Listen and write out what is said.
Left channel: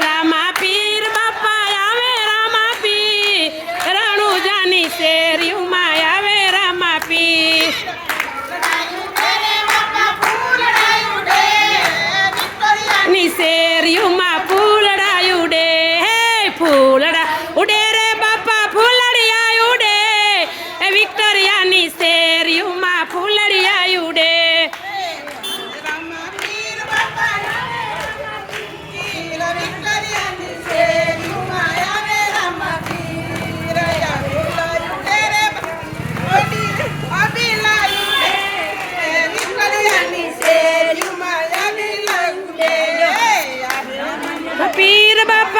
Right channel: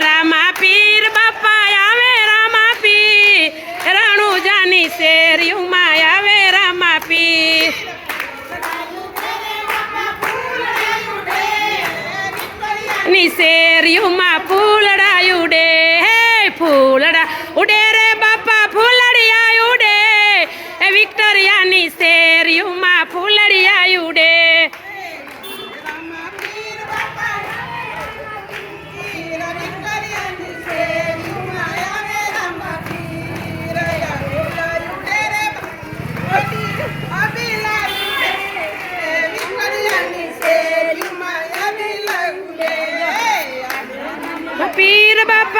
રામા પીર બાપા આવે રામા પીર રણુજાની શેરીમાં આવે રામા પીર ની શેરીમાં ફૂલડા ઉડે હે ફૂલડા ઉડે રે બાપા ફૂલડિયા ઉડે વિક્ટોરિયાની શેરીમાં ફૂલડિયા ઉડે પીર બાપા